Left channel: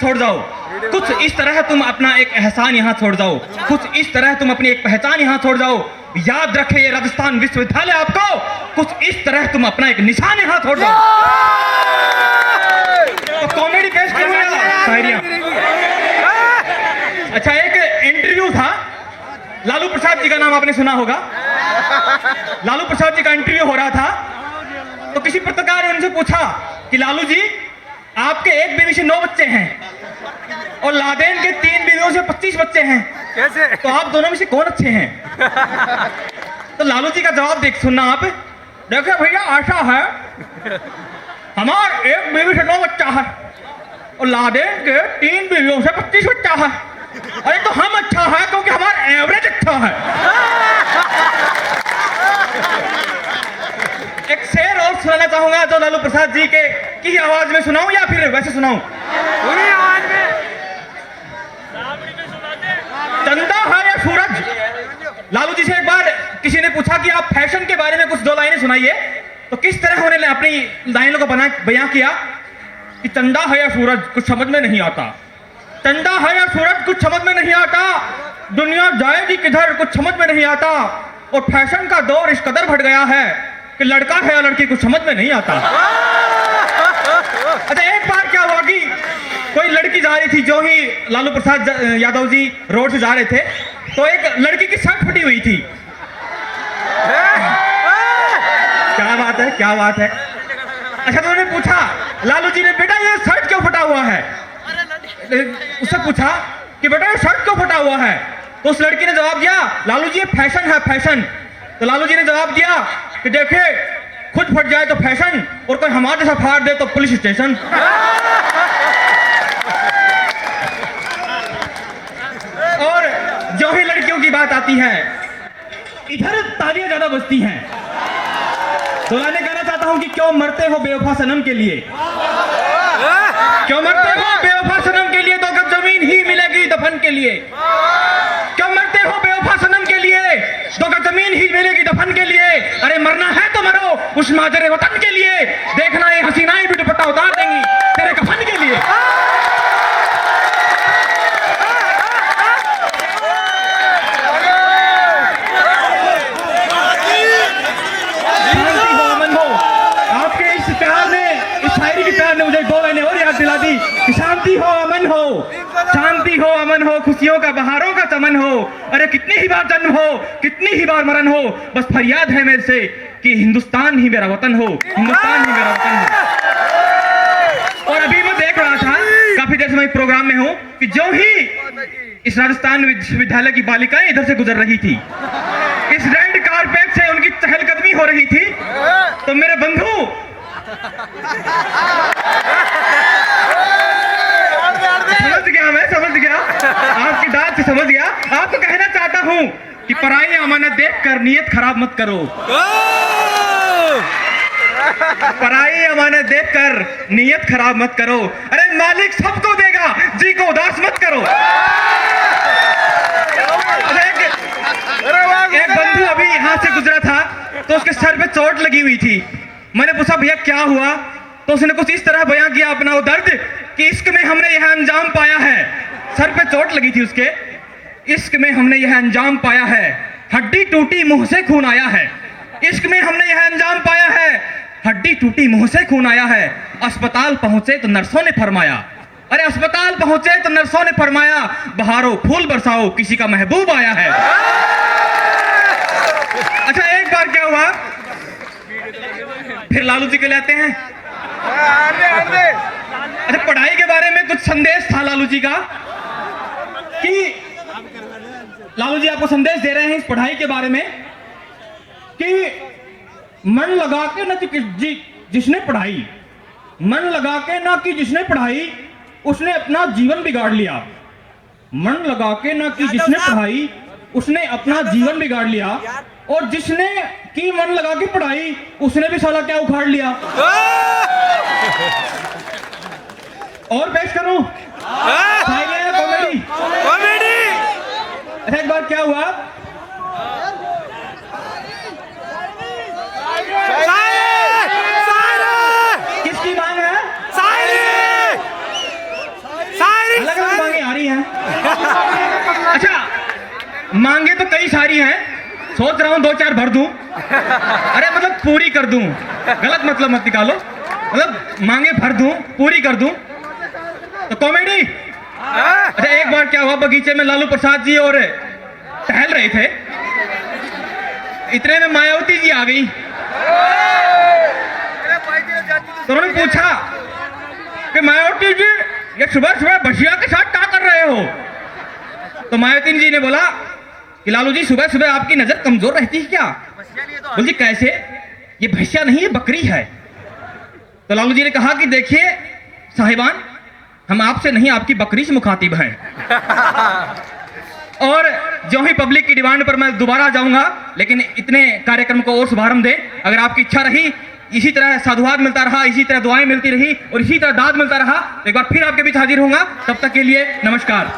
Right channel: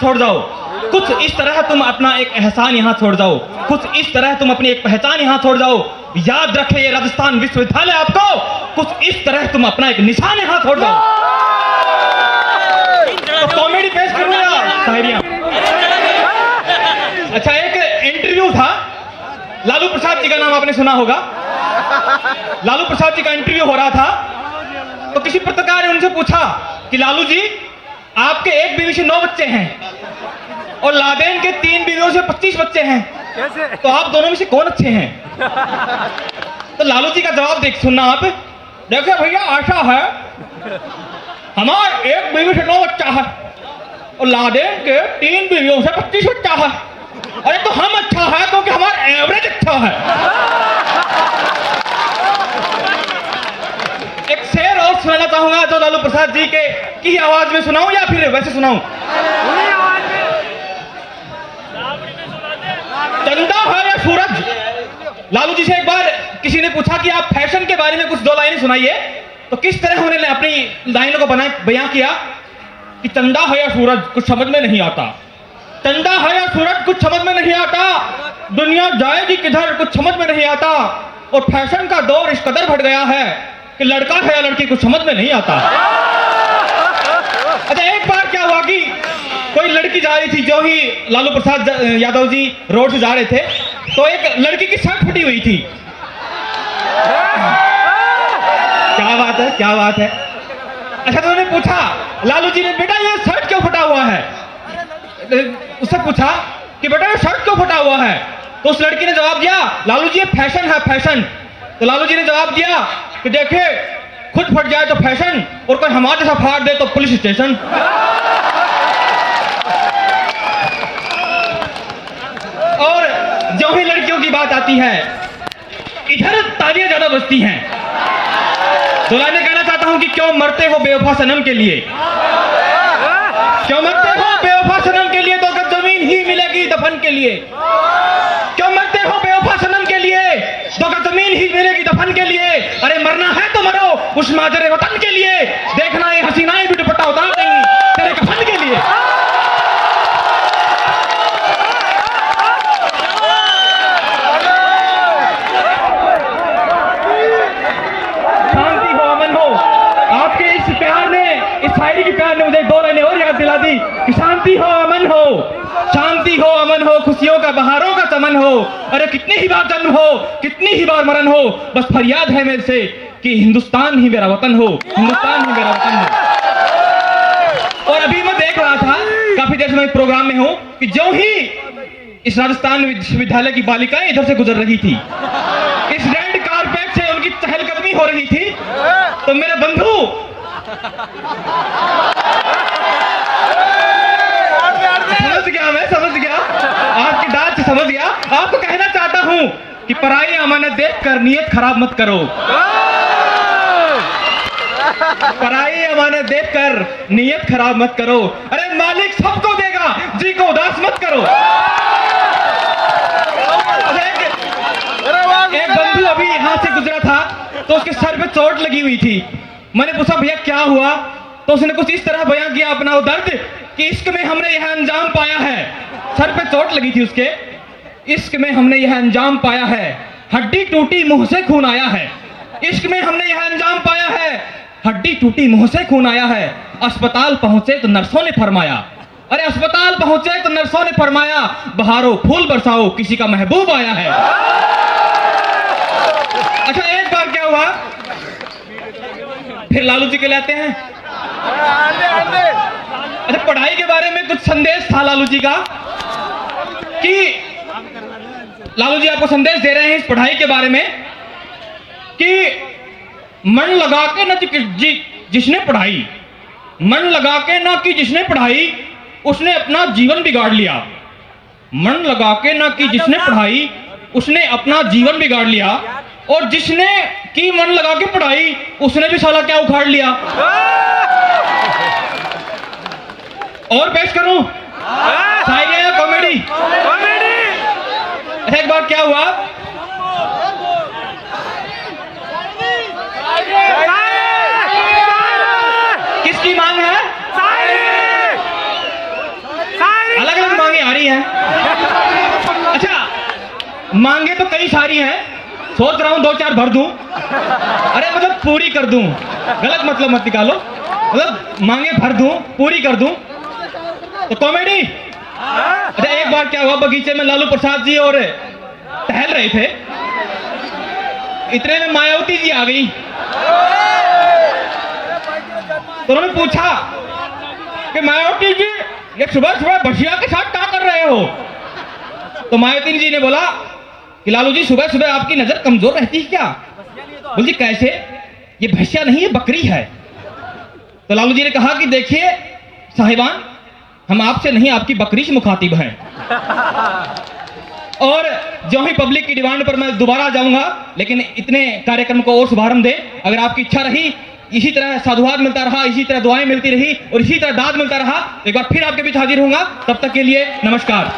छोड़ जाओ, कुछ इस तरह तुम अपना एक एहसान यहाँ छोड़ जाओ, कुछ इस तरह तुम अपनी एक पहचान यहाँ छोड़ जाओ। याद रखे ये राजस्थान विश्वविद्यालय आपको, कुछ इस तरह तुम अपना एक निशान यहाँ छोड़ जाओ। तो कॉमेडी पेश करूँ या शायरियाँ? अच्छा, एक इंटरव्यू था, लालू प्रसाद जी का नाम आपने सुना होगा। लालू प्रसाद जी का इंटरव्यू हो रहा था, तो किसी पत्रकार ने उनसे पूछा कि लालू जी, आपके एक बीवी से 9 बच्चे हैं और लादेन के 3 बीवियों से 25 बच्चे हैं, कैसे? तो आप दोनों में से कौन अच्छे हैं? तो लालू जी का जवाब सुनना आप। देखिए भैया, ऐसा है, हमारे एक बीवी से 9 बच्चा है और लादेन के 3 बीवियों से 25 बच्चा है। अरे तो हम अच्छा है क्योंकि हमारा एवरेज अच्छा है। एक शेर और सुनाना चाहूंगा तो लालू प्रसाद जी के की आवाज में सुनाऊं या फिर वैसे सुनाऊं? चंदा है या सूरज? लालू जी से एक बार किसी ने पूछा कि आप फैशन के बारे में कुछ 2 लाइनें सुनाइए, तो किस तरह उन्होंने अपनी लाइनों को बयां किया कि चंदा है या सूरज कुछ समझ में नहीं आता, चंदा है या सूरज कुछ समझ में नहीं आता, दुनिया जाएगी किधर कुछ समझ में नहीं आता, और फैशन का दौर इस कदर बढ़ गया है कि लड़का है या लड़की कुछ समझ में नहीं आता। अच्छा, एक बार क्या हुआ कि कोई लड़की जा रही थी, जो ही लालू प्रसाद यादव जी रोड से जा रहे थे, तो एक लड़की की शर्ट फटी हुई थी। क्या बात है, क्या बात है। अच्छा, तो उन्होंने पूछा लालू जी ने, बेटा ये शर्ट क्यों फटा हुआ है? उससे पूछा कि बेटा ये शर्ट क्यों फटा हुआ है? तो उस लड़की ने जवाब दिया, लालू जी ये फैशन है, फैशन। तो लालू जी ने जवाब दिया कि देखे, खुद फट जाए तो फैशन, और कोई हमारे जैसा फाड़ दे तो पुलिस स्टेशन। और जो ही लड़कियों की बात आती है, इधर तालियां ज्यादा बजती हैं। तो लाने कहना चाहता हूं कि क्यों मरते हो बेवफा सनम के लिए, क्यों मरते हो बेवफा सनम के लिए, तो अगर जमीन ही मिलेगी दफन के लिए। क्यों मरते हो बेवफा सनम के लिए, तो अगर जमीन ही मिलेगी दफन के लिए। अरे मरना है तो मरो उस माजरे वतन के लिए, देखना ये हसीनाएं भी दुपट्टा उतार देंगी तेरे कफन के लिए। शांति हो, अमन हो। आपके इस प्यार ने, इस शायरी की प्यार ने मुझे 2 लाइनें और याद दिला दी कि शांति हो, अमन हो, शांति हो, अमन हो, खुशियों का बहारों का चमन हो। अरे कितनी ही बार जन्म हो, कितनी ही बार मरण हो, बस फरियाद है मेरे से कि हिंदुस्तान ही मेरा वतन हो, हिंदुस्तान ही मेरा वतन हो। और अभी मैं देख रहा था, काफी देर से मैं प्रोग्राम में हूं, कि जो ही इस राजस्थान विश्वविद्यालय की बालिकाएं इधर से गुजर रही थी, इस रेड कारपेट से उनकी चहलकदमी हो रही थी, तो मेरे बंधु, समझ गया, मैं समझ गया, आपकी बात से समझ गया। आपको कहना चाहता हूं कि पराई अमानत देखकर नियत खराब मत करो, पराई अमानत देखकर नियत खराब मत करो। अरे मालिक सबको देगा, जी को उदास मत करो। एक बंधु अभी यहां से गुजरा था, तो उसके सर पे चोट लगी हुई थी। मैंने पूछा भैया क्या हुआ, तो उसने कुछ इस तरह बयां किया अपना वो दर्द कि इश्क में हमने यह अंजाम पाया है। सर पे चोट लगी थी उसके, इश्क में हमने यह अंजाम पाया है, हड्डी टूटी मुंह से खून आया है। इश्क में हमने यह अंजाम पाया है, हड्डी टूटी मुंह से खून आया है। अस्पताल पहुंचे तो नर्सों ने फरमाया, अरे अस्पताल पहुंचे तो नर्सों ने फरमाया, बहारो फूल बरसाओ किसी का महबूब आया है। अच्छा, एक बार क्या हुआ, फिर लालू जी के लाते हैं। अच्छा, पढ़ाई के बारे में कुछ संदेश था लालू जी का, कि लालू जी आपको संदेश दे रहे हैं इस पढ़ाई के बारे में कि मन लगा के ना जिसने पढ़ाई, मन लगा के ना कि जिसने पढ़ाई उसने अपना जीवन बिगाड़ लिया। मन लगा के ना कि जिसने पढ़ाई उसने अपना जीवन बिगाड़ लिया, और जिसने की मन लगा के पढ़ाई उसने भी साला क्या उखाड़ लिया। और पेश करूं शायरी या कॉमेडी? एक बार क्या हुआ, किसकी मांग है? सारी हैं। अच्छा, मांगे तो कई सारी हैं, सोच रहा हूँ 2-4 भर दूं। अरे मतलब पूरी कर दूं, गलत मतलब मत निकालो, मतलब मांगे भर दूं, पूरी कर दूं। तो कॉमेडी। अच्छा, एक बार क्या हुआ, बगीचे में लालू प्रसाद जी और टहल रहे थे, इतने में मायावती जी आ गई। तो उन्होंने पूछा कि मायावती जी, ये सुबह सुबह भैया के साथ क्या कर रहे हो? तो मायावती जी ने बोला कि लालू जी, सुबह सुबह आपकी नजर कमजोर रहती है क्या? बोल जी कैसे? ये भैंसिया नहीं है, बकरी है। तो लालू जी ने कहा कि देखिए साहिबान, हम आपसे नहीं आपकी बकरी से मुखातिब हैं। और जो ही पब्लिक की डिमांड पर मैं दोबारा जाऊंगा, लेकिन इतने कार्यक्रम को और शुभारंभ दे। अगर आपकी इच्छा रही, इसी तरह साधुवाद मिलता रहा, इसी तरह दुआएं मिलती रही और इसी तरह दाद मिलता रहा, तो एक बार फिर आपके बीच हाजिर होऊंगा। तब तक के लिए नमस्कार।